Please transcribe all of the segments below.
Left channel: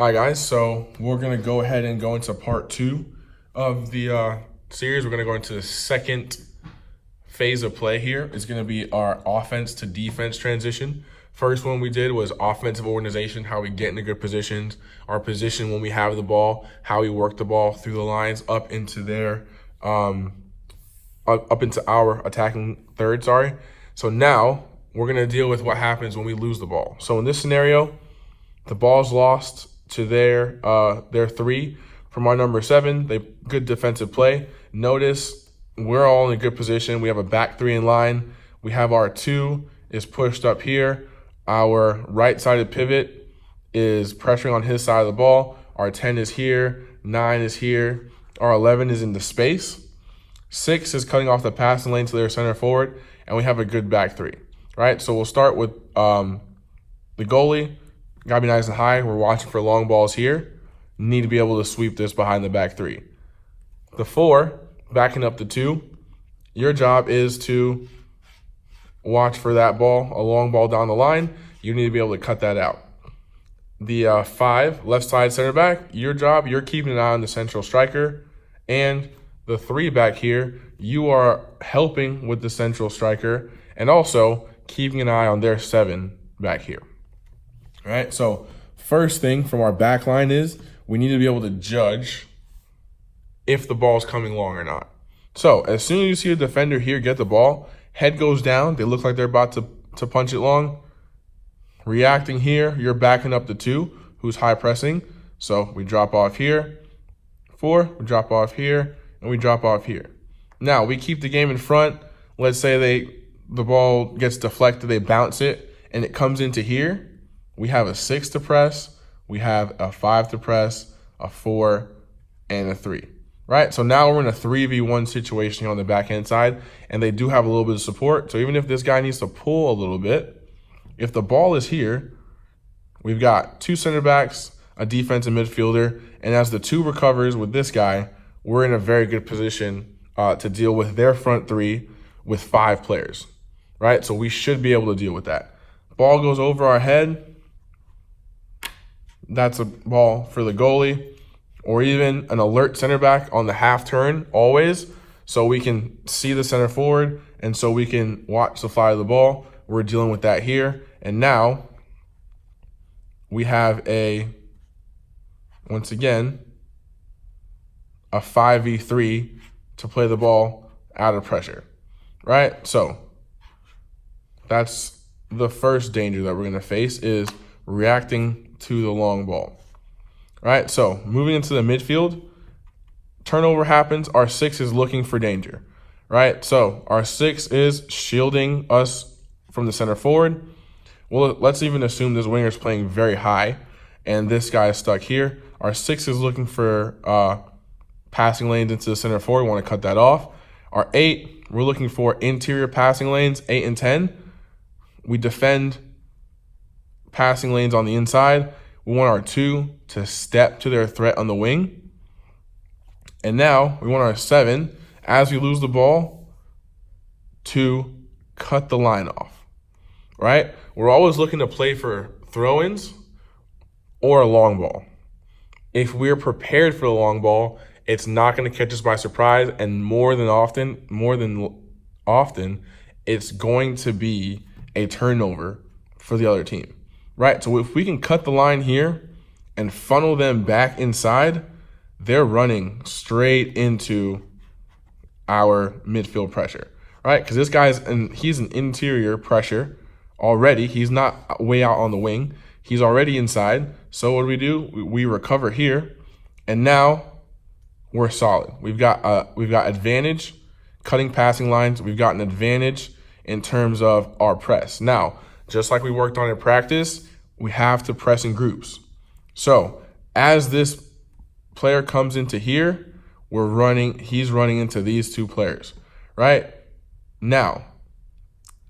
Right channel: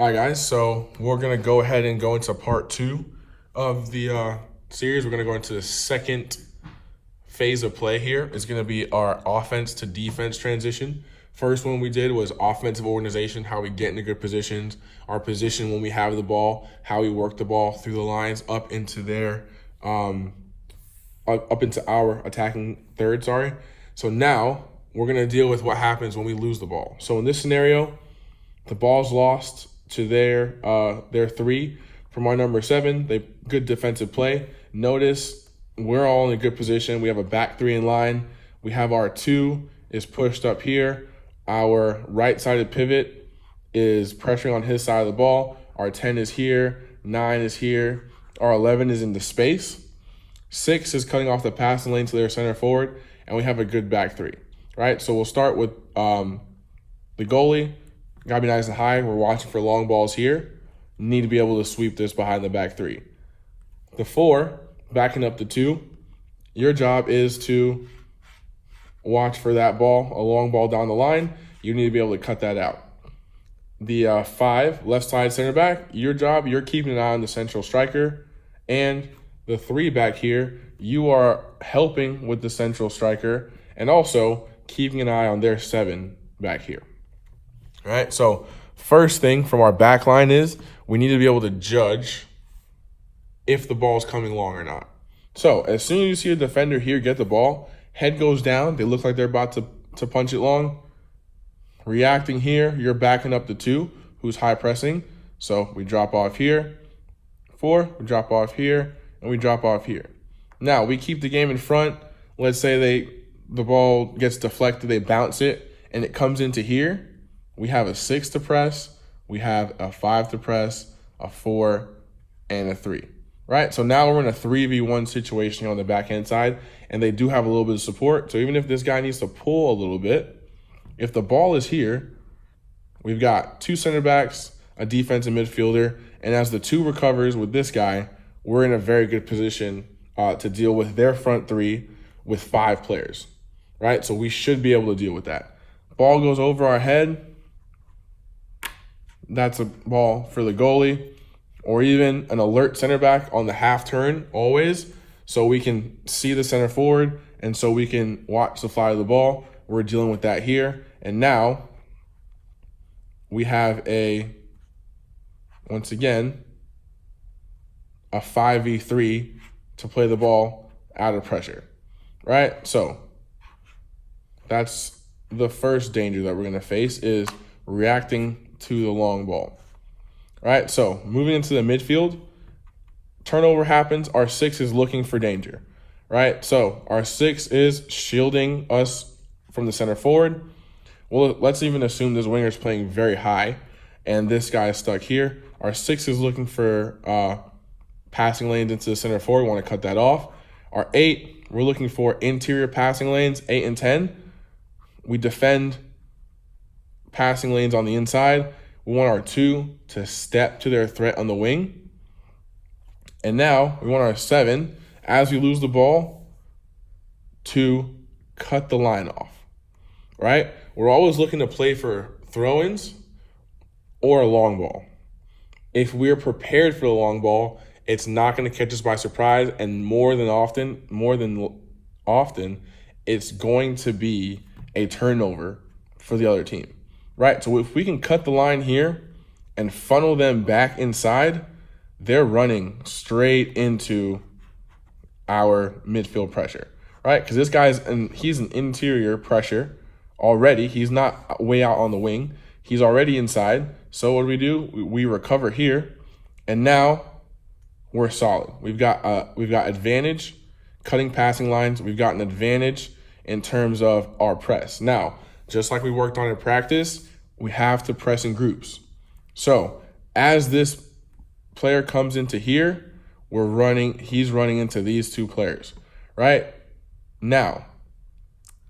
All right, guys, so we're going to go ahead and go into part two of the series. We're going to go into the second phase of play here. It's going to be our offense to defense transition. First one we did was offensive organization, how we get into good positions, our position when we have the ball, how we work the ball through the lines up into our attacking third, So now we're going to deal with what happens when we lose the ball. So in this scenario, the ball's lost to their three from our number 7. They good defensive play. Notice we're all in a good position. We have a back 3 in line. We have our 2 is pushed up here. Our right-sided pivot is pressuring on his side of the ball. Our 10 is here. 9 is here. Our 11 is in the space. 6 is cutting off the passing lane to their center forward, and we have a good back 3. Right? So we'll start with the goalie. Gotta be nice and high. We're watching for long balls here. Need to be able to sweep this behind the back 3. The 4, backing up the 2. Your job is to watch for that ball, a long ball down the line. You need to be able to cut that out. The 5, left side center back. Your job, you're keeping an eye on the central striker. And the 3 back here, you are helping with the central striker and also keeping an eye on their 7 back here. All right, so first thing from our back line is we need to be able to judge if the ball's coming long or not. So as soon as you see a defender here get the ball, head goes down, they look like they're about to punch it long. Reacting here, you're backing up the 2, who's high pressing. So we drop off here. 4, we drop off here, and we drop off here. Now, we keep the game in front. Let's say the ball gets deflected, they bounce it, and it comes into here. We have a 6 to press, we have a 5 to press, a 4, and a 3, right? So now we're in a 3v1 situation on the backhand side, and they do have a little bit of support. So even if this guy needs to pull a little bit, if the ball is here, we've got 2 center backs, a defensive midfielder, and as the 2 recovers with this guy, we're in a very good position to deal with their front 3 with 5 players, right? So we should be able to deal with that. Ball goes over our head. That's a ball for the goalie, or even an alert center back on the half turn always, so we can see the center forward and so we can watch the fly of the ball. We're dealing with that here. And now we have once again, a 5v3 to play the ball out of pressure, right? So that's the first danger that we're gonna face, is reacting to the long ball. All right, so moving into the midfield, turnover happens. Our 6 is looking for danger, right? So our 6 is shielding us from the center forward. Well, let's even assume this winger is playing very high and this guy is stuck here. Our 6 is looking for passing lanes into the center forward. We want to cut that off. Our 8, we're looking for interior passing lanes, 8 and 10. We defend passing lanes on the inside. We want our 2 to step to their threat on the wing. And now we want our 7, as we lose the ball, to cut the line off, right? We're always looking to play for throw-ins or a long ball. If we're prepared for the long ball, it's not going to catch us by surprise, and more than often, it's going to be a turnover for the other team. Right, so if we can cut the line here and funnel them back inside, they're running straight into our midfield pressure, right? Because this he's an interior pressure already. He's not way out on the wing. He's already inside. So what do? We recover here, and now we're solid. We've got advantage cutting passing lines. We've got an advantage in terms of our press. Now, just like we worked on in practice, we have to press in groups. So as this player comes into here, he's running into these 2 players, right? Now,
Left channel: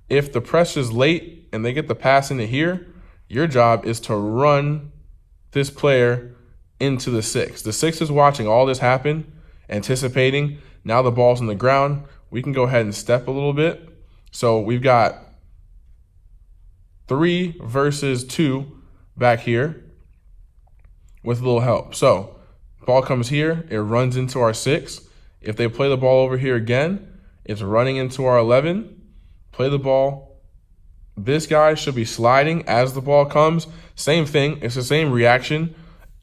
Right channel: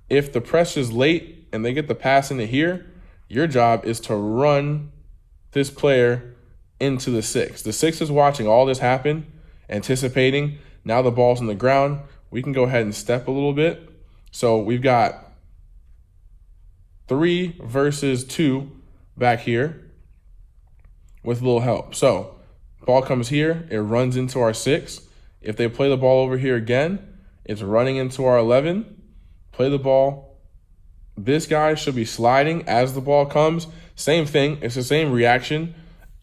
if the press is late and they get the pass into here, your job is to run this player into the 6. The 6 is watching all this happen, anticipating. Now the ball's on the ground. We can go ahead and step a little bit. So we've got 3 versus 2 back here. with a little help. So ball comes here, it runs into our 6. If they play the ball over here again, it's running into our 11. Play the ball. This guy should be sliding as the ball comes. Same thing, it's the same reaction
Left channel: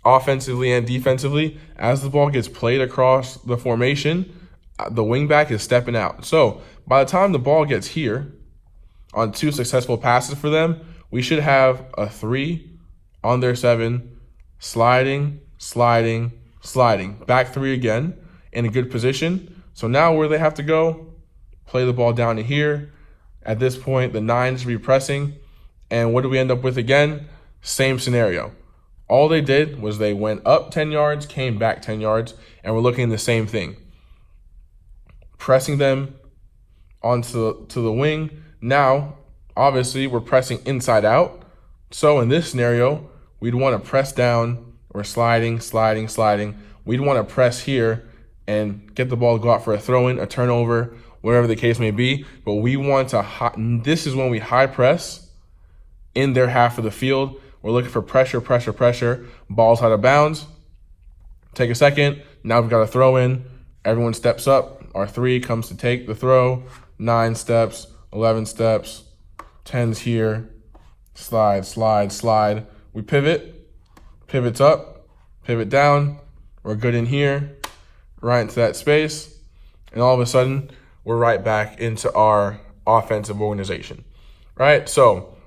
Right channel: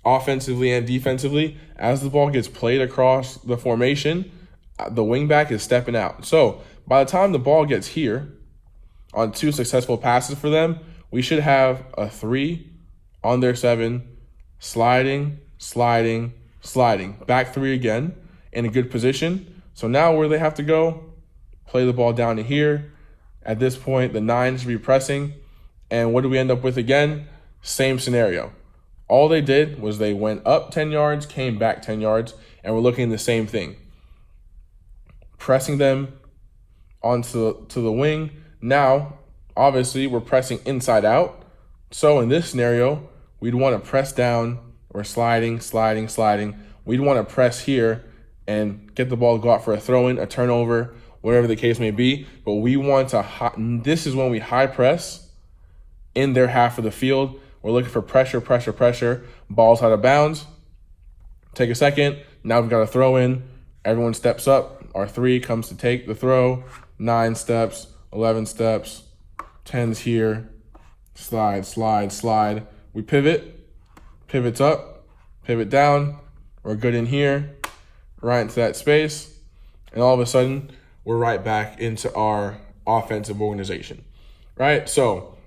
offensively and defensively. As the ball gets played across the formation, the wingback is stepping out. So by the time the ball gets here, on 2 successful passes for them, we should have a 3 on their 7, sliding, sliding, sliding. Back 3 again in a good position. So now where they have to go, play the ball down to here. At this point, the 9 should be pressing. And what do we end up with again? Same scenario. All they did was they went up 10 yards, came back 10 yards, and we're looking at the same thing. Pressing them onto the wing. Now, obviously, we're pressing inside out. So in this scenario, we'd want to press down. We're sliding, sliding, sliding. We'd want to press here and get the ball to go out for a throw-in, a turnover, whatever the case may be. But we want to, this is when we high press in their half of the field. We're looking for pressure, pressure, pressure. Ball's out of bounds. Take a second. Now we've got a throw in. Everyone steps up. Our 3 comes to take the throw. 9 steps, 11 steps, 10's here. Slide, slide, slide. We pivot. Pivots up. Pivot down. We're good in here. Right into that space. And all of a sudden, we're right back into our offensive organization. Right? So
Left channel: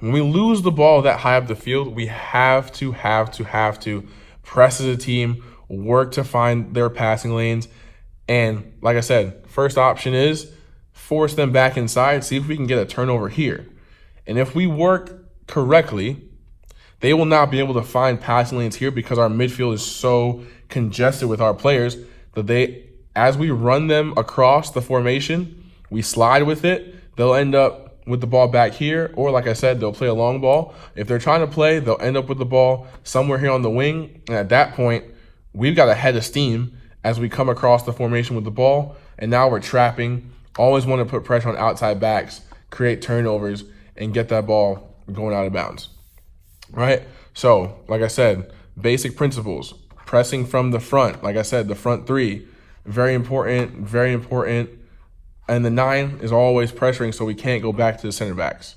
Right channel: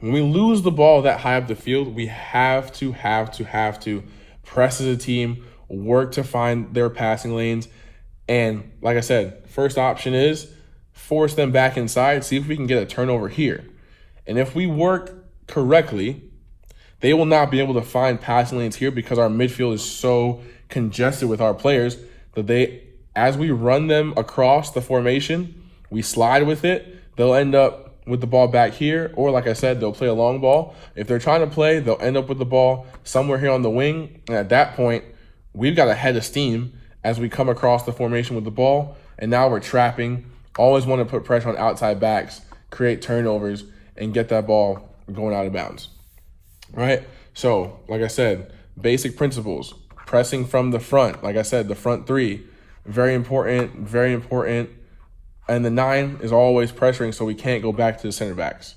when we lose the ball that high up the field, we have to press as a team, work to find their passing lanes. And like I said, first option is force them back inside, see if we can get a turnover here. And if we work correctly, they will not be able to find passing lanes here because our midfield is so congested with our players that as we run them across the formation, we slide with it, they'll end up with the ball back here, or like I said, they'll play a long ball. If they're trying to play, they'll end up with the ball somewhere here on the wing. And at that point, we've got a head of steam as we come across the formation with the ball. And now we're trapping. Always want to put pressure on outside backs, create turnovers, and get that ball going out of bounds, right? So, like I said, basic principles. Pressing from the front. Like I said, the front 3, very important, very important. And the 9 is always pressuring, so we can't go back to the center backs,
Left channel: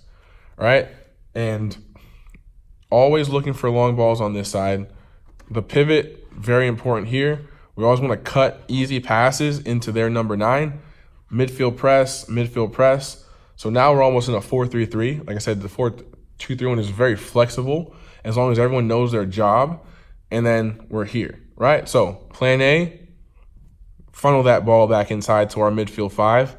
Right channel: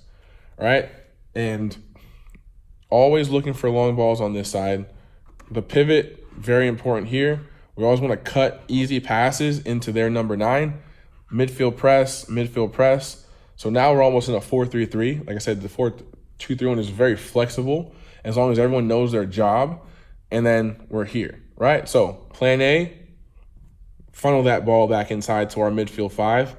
right? And always looking for long balls on this side. The pivot, very important here. We always want to cut easy passes into their number 9. Midfield press, midfield press. So now we're almost in a 4-3-3. Like I said, the 4-2-3-1 is very flexible as long as everyone knows their job. And then we're here, right? So plan A, funnel that ball back inside to our midfield 5.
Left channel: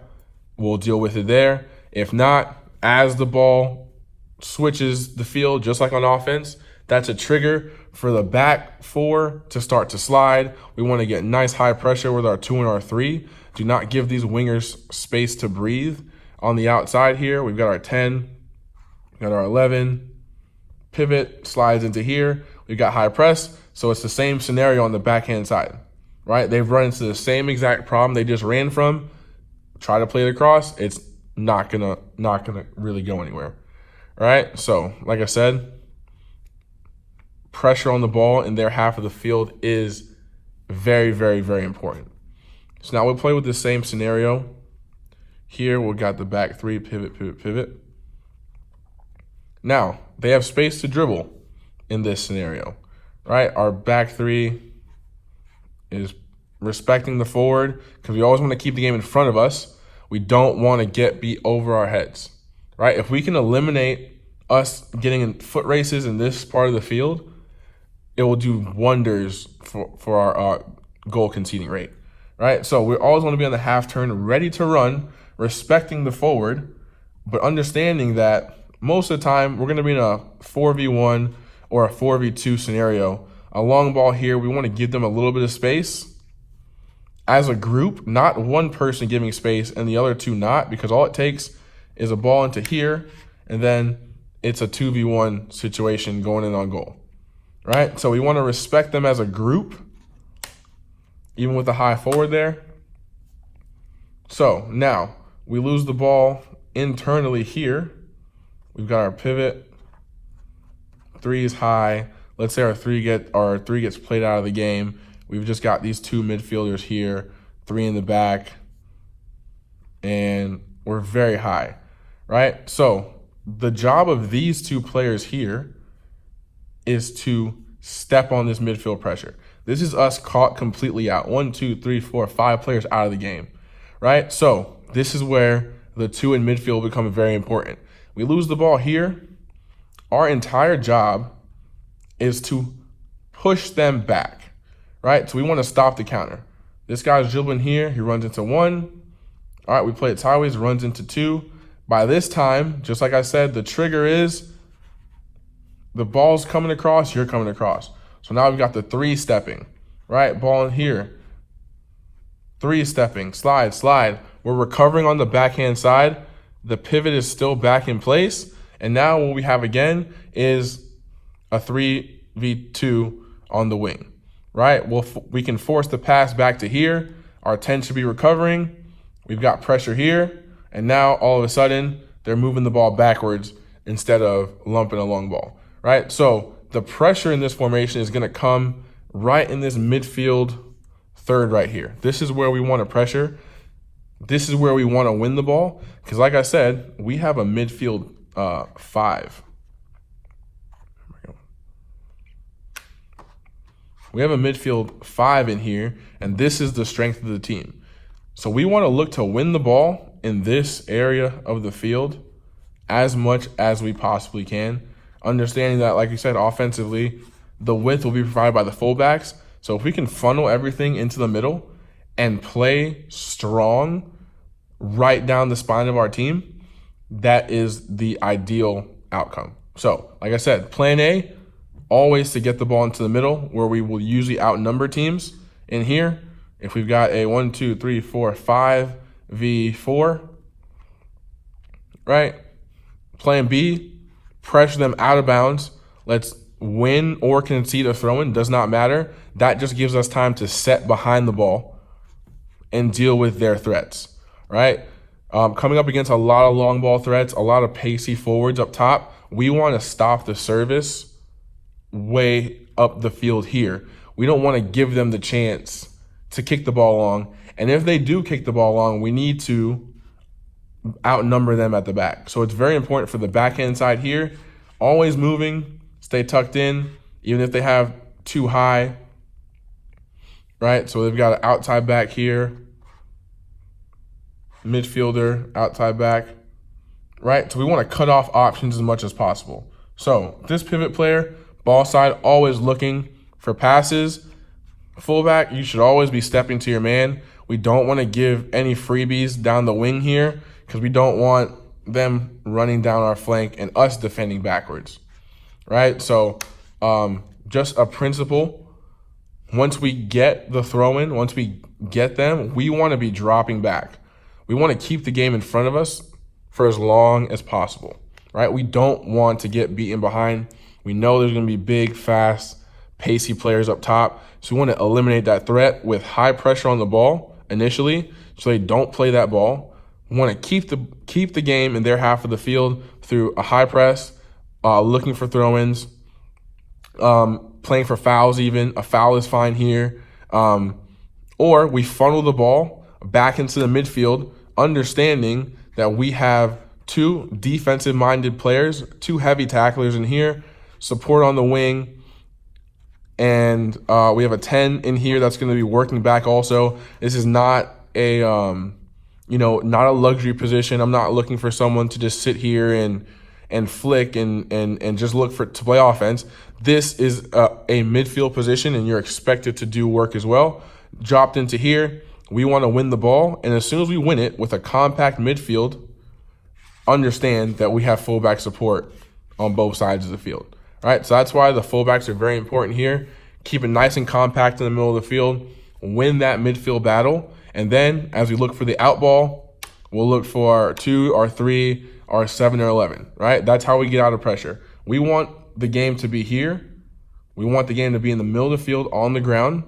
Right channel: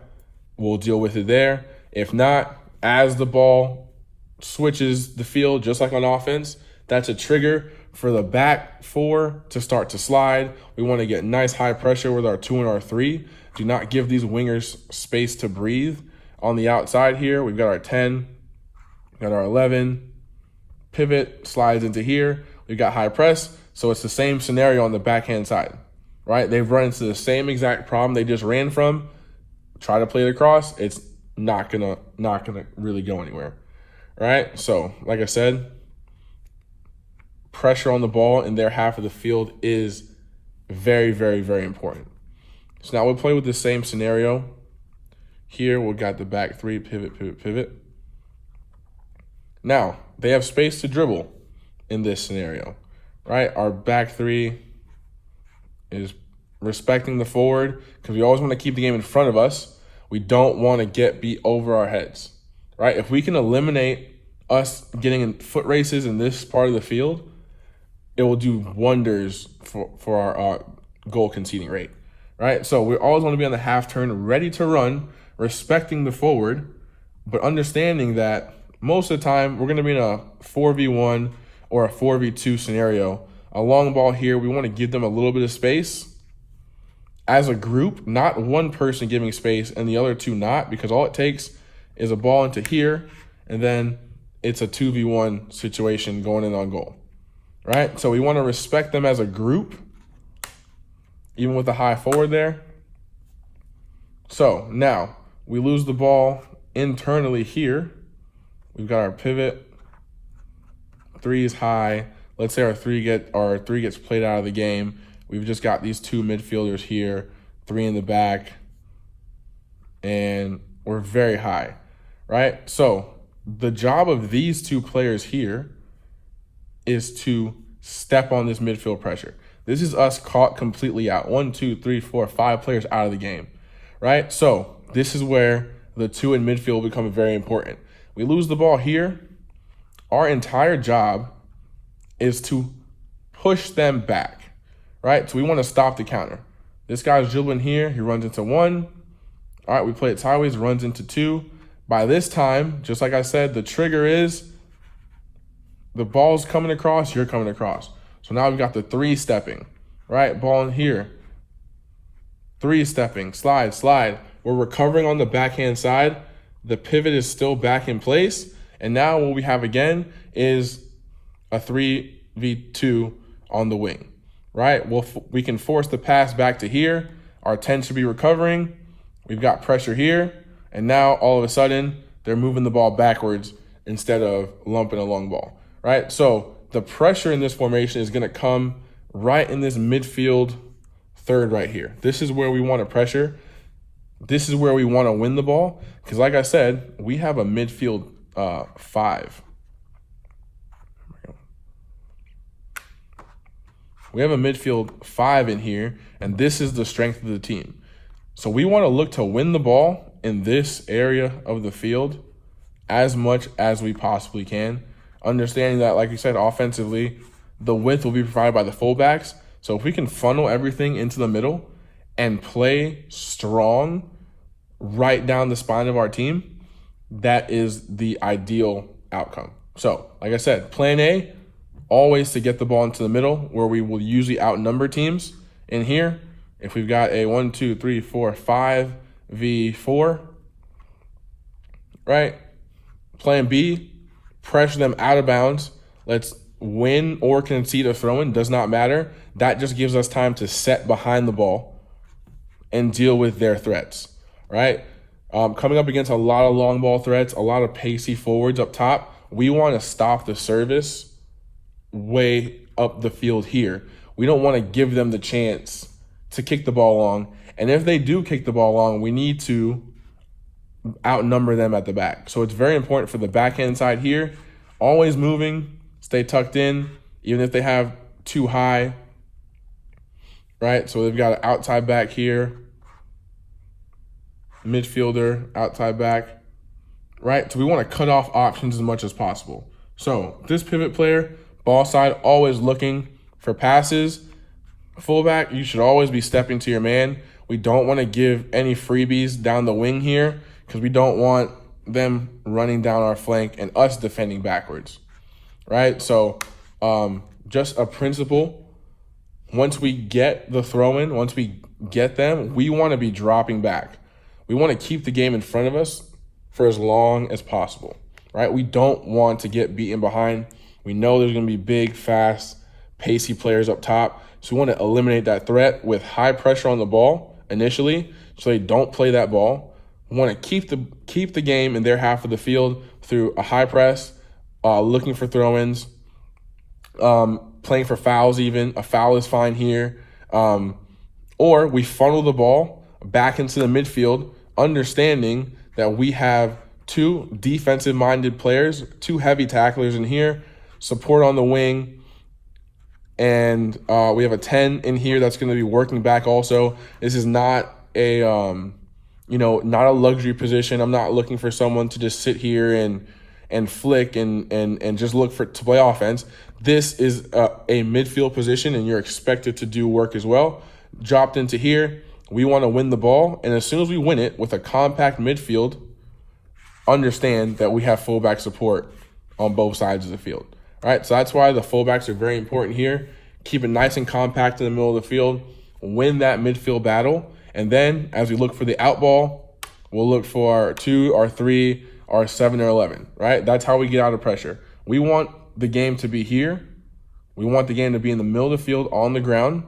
We'll deal with it there. If not, as the ball switches the field, just like on offense, that's a trigger for the back 4 to start to slide. We want to get nice high pressure with our 2 and our 3. Do not give these wingers space to breathe on the outside here. We've got our 10, got our 11. Pivot, slides into here. We've got high press. So it's the same scenario on the backhand side, right? They've run into the same exact problem they just ran from. Try to play it across. It's not gonna really go anywhere, right? So, like I said, pressure on the ball in their half of the field is very, very, very important. So now we'll play with the same scenario. Here we've got the back 3, pivot, pivot, pivot. Now, they have space to dribble in this scenario, right? Our back 3 is respecting the forward because we always want to keep the game in front of us. We don't want to get beat over our heads, right? If we can eliminate us getting in foot races in this part of the field, it will do wonders for our goal conceding rate, right? So we always want to be on the half turn, ready to run, respecting the forward, but understanding that most of the time we're going to be in a 4v1 or a 4v2 scenario. A long ball here, we want to give them a little bit of space as a group, not one person giving space and the other 2 not, because all it takes is a ball into here and then it's a 2v1 situation going in on goal, right? So we want to respect them as a group, even with the high forward there. So now we lose the ball internally here. We've got our pivot, 3 is high. let's say our three gets played out of the game. We've just got these two midfielders here, 3 in the back, and we're very high, right? So the job of these 2 players here is to step on this midfield pressure. This is us caught completely out. 1, 2, 3, 4, 5 players out of the game, right? So this is where the 2 in midfield become very important. We lose the ball here. Our entire job is to push them back, right? So we want to stop the counter. This guy's dribbling here. He runs into 1. All right, we play it sideways, runs into 2. By this time, just like I said, the trigger is the ball's coming across, you're coming across. So now we've got the 3 stepping, right? Ball in here. 3 stepping, slide, slide. We're recovering on the backhand side. The pivot is still back in place. And now what we have again is a 3v2 on the wing, right? We can force the pass back to here. Our 10 should be recovering. We've got pressure here. And now all of a sudden, they're moving the ball backwards instead of lumping a long ball, right? So the pressure in this formation is going to come right in this midfield third right here. This is where we want to pressure. This is where we want to win the ball. Because like I said, we have a midfield 5. We have a midfield 5 in here, and this is the strength of the team. So we want to look to win the ball in this area of the field as much as we possibly can. Understanding that, like you said, offensively, the width will be provided by the fullbacks. So if we can funnel everything into the middle and play strong right down the spine of our team, that is the ideal outcome. So, like I said, plan A, always to get the ball into the middle where we will usually outnumber teams. In here, if we've got a 1, 2, 3, 4, 5v4, right? Plan B, pressure them out of bounds. Let's win or concede a throw-in, does not matter. That just gives us time to set behind the ball and deal with their threats, right? Coming up against a lot of long ball threats, a lot of pacey forwards up top, we want to stop the service way up the field here. We don't want to give them the chance to kick the ball long. And if they do kick the ball long, we need to outnumber them at the back. So it's very important for the backhand side here, always moving, stay tucked in, even if they have too high, right? So they've got an outside back here, midfielder, outside back, right? So we want to cut off options as much as possible. So this pivot player, ball side, always looking for passes. Fullback, you should always be stepping to your man. We don't want to give any freebies down the wing here because we don't want them running down our flank and us defending backwards, right? So just a principle. Once we get the throw-in, once we get them, we want to be dropping back. We want to keep the game in front of us for as long as possible, right? We don't want to get beaten behind. We know there's going to be big, fast, pacey players up top. So we want to eliminate that threat with high pressure on the ball initially so they don't play that ball. We want to keep the game in their half of the field through a high press, looking for throw-ins, playing for fouls even. A foul is fine here. Or we funnel the ball back into the midfield, understanding that we have 2 defensive-minded players, 2 heavy tacklers in here, support on the wing, and we have a 10 in here that's going to be working back also. This is not a, not a luxury position. I'm not looking for someone to just sit here and flick and just look to play offense. This is a midfield position, and you're expected to do work as well. Dropped into here, we want to win the ball, and as soon as we win it with a compact midfield, understand that we have fullback support on both sides of the field. All right, so that's why the fullbacks are very important here. Keep it nice and compact in the middle of the field, win that midfield battle, and then as we look for the out ball, we'll look for our 2, our 3, our 7, or 11, right? That's how we get out of pressure. We want the game to be here. We want the game to be in the middle of the field on the ground.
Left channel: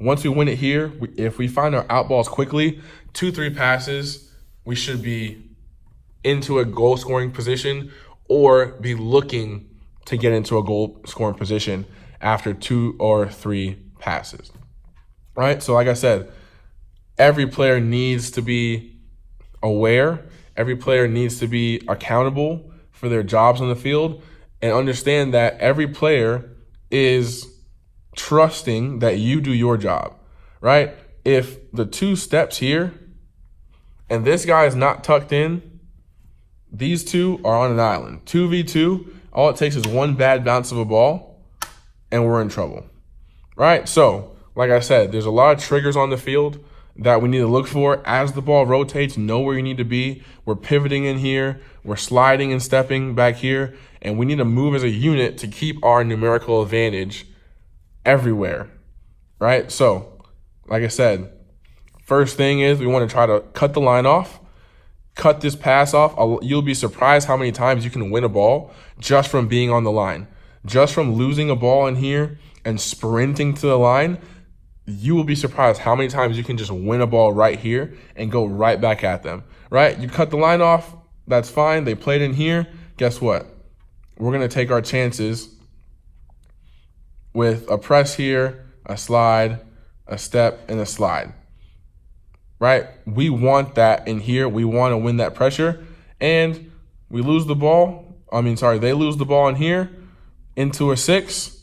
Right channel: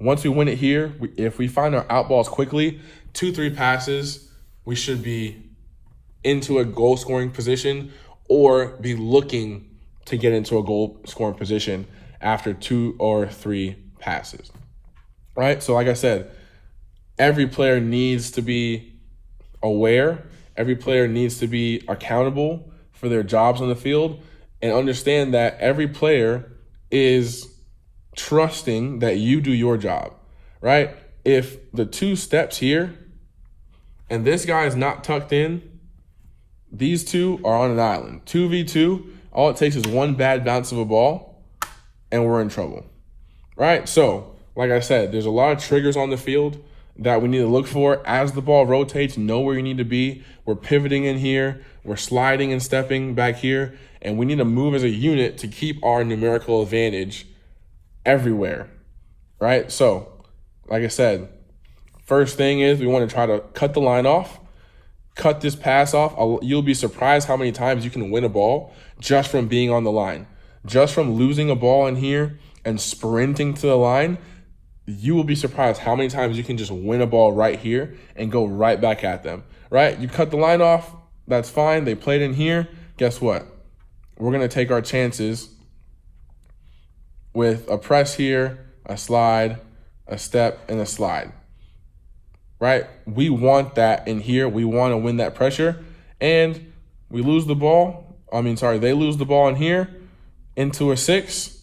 Once we win it here, if we find our out balls quickly, 2, 3 passes, we should be into a goal scoring position or be looking to get into a goal scoring position after 2 or 3 passes, right? So like I said, every player needs to be aware. Every player needs to be accountable for their jobs on the field and understand that every player is trusting that you do your job, right? If the 2 steps here and this guy is not tucked in, these 2 are on an island. 2v2, all it takes is one bad bounce of a ball and we're in trouble, right? So, like I said, there's a lot of triggers on the field that we need to look for. As the ball rotates, know where you need to be. We're pivoting in here, we're sliding and stepping back here, and we need to move as a unit to keep our numerical advantage everywhere, right? So, like I said, first thing is we want to try to cut the line off, cut this pass off. You'll be surprised how many times you can win a ball just from being on the line. Just from losing a ball in here and sprinting to the line, you will be surprised how many times you can just win a ball right here and go right back at them, right? You cut the line off, that's fine. They played in here. Guess what? We're going to take our chances with a press here, a slide, a step, and a slide, right? We want that in here. We want to win that pressure, and we lose the ball. They lose the ball in here into a 6.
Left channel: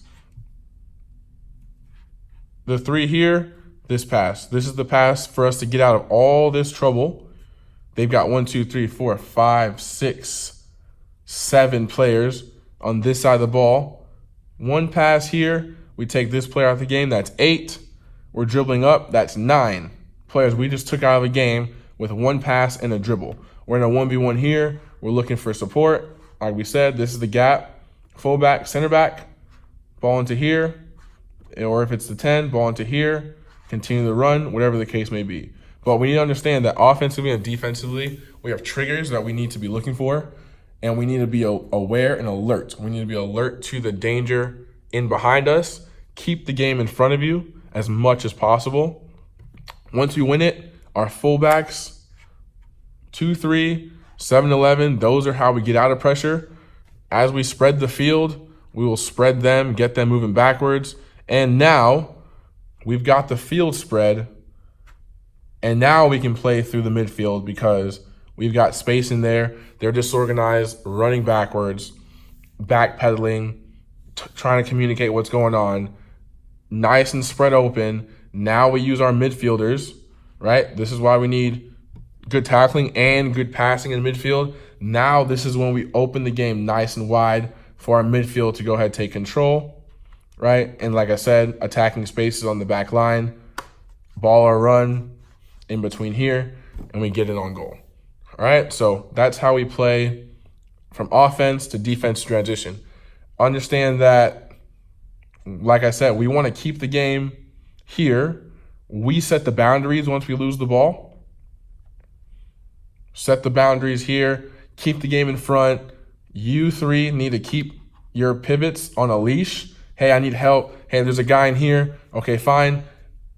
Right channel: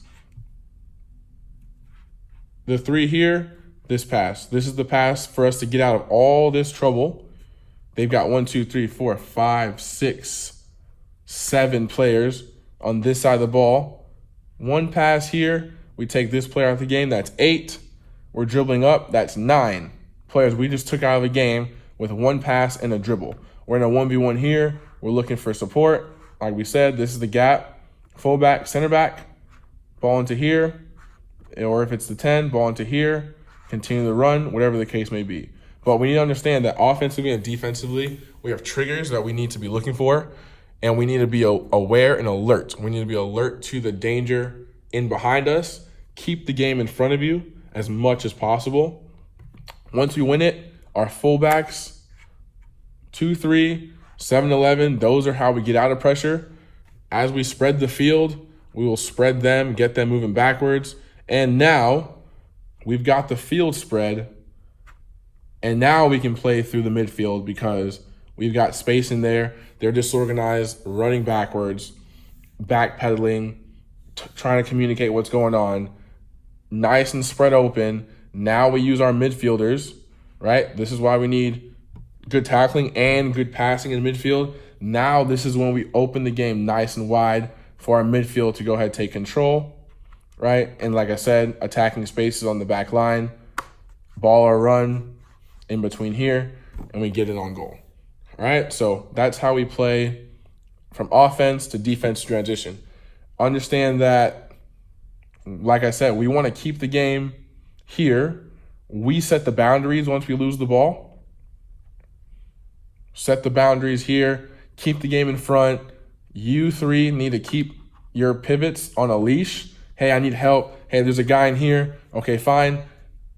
The 3 here, this pass. This is the pass for us to get out of all this trouble. They've got 1, 2, 3, 4, 5, 6, 7 players on this side of the ball. One pass here, we take this player out of the game, that's 8. We're dribbling up, that's 9 players we just took out of the game with one pass and a dribble. We're in a 1v1 here. We're looking for support. Like we said, this is the gap. Fullback, center back, ball into here. Or if it's the 10, ball into here, continue the run, whatever the case may be. But we need to understand that offensively and defensively, we have triggers that we need to be looking for, and we need to be aware and alert. We need to be alert to the danger in behind us. Keep the game in front of you as much as possible. Once we win it, our fullbacks, 2-3, 7-11, those are how we get out of pressure. As we spread the field, we will spread them, get them moving backwards. And now we've got the field spread, and now we can play through the midfield because we've got space in there. They're disorganized, running backwards, backpedaling, trying to communicate what's going on. Nice and spread open. Now we use our midfielders, right? This is why we need good tackling and good passing in midfield. Now this is when we open the game nice and wide for our midfield to go ahead and take control. Right, and like I said, attacking spaces on the back line, ball or run in between here, and we get it on goal. All right, so that's how we play from offense to defense transition. Understand that, like I said, we want to keep the game here. We set the boundaries once we lose the ball. Set the boundaries here, keep the game in front. You 3 need to keep your pivots on a leash. Hey, I need help. Hey, there's a guy in here. Okay, fine.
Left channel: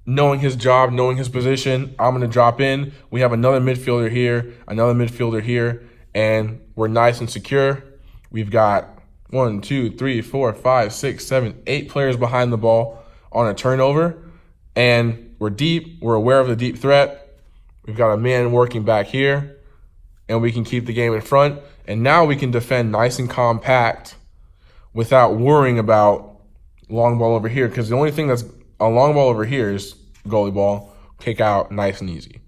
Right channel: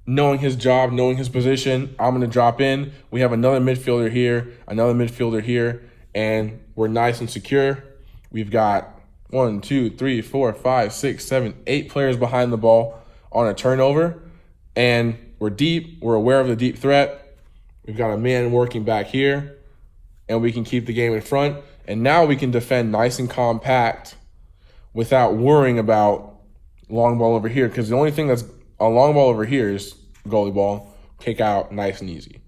Knowing his job, knowing his position, I'm going to drop in. We have another midfielder here, and we're nice and secure. We've got 1, 2, 3, 4, 5, 6, 7, 8 players behind the ball on a turnover, and we're deep. We're aware of the deep threat. We've got a man working back here, and we can keep the game in front. And now we can defend nice and compact without worrying about long ball over here, because the only thing that's a long ball over here is goalie ball, kick out, nice and easy.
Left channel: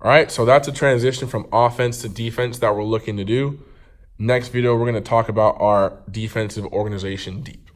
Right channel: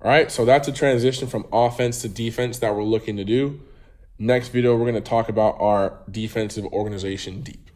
All right, so that's a transition from offense to defense that we're looking to do. Next video, we're going to talk about our defensive organization deep.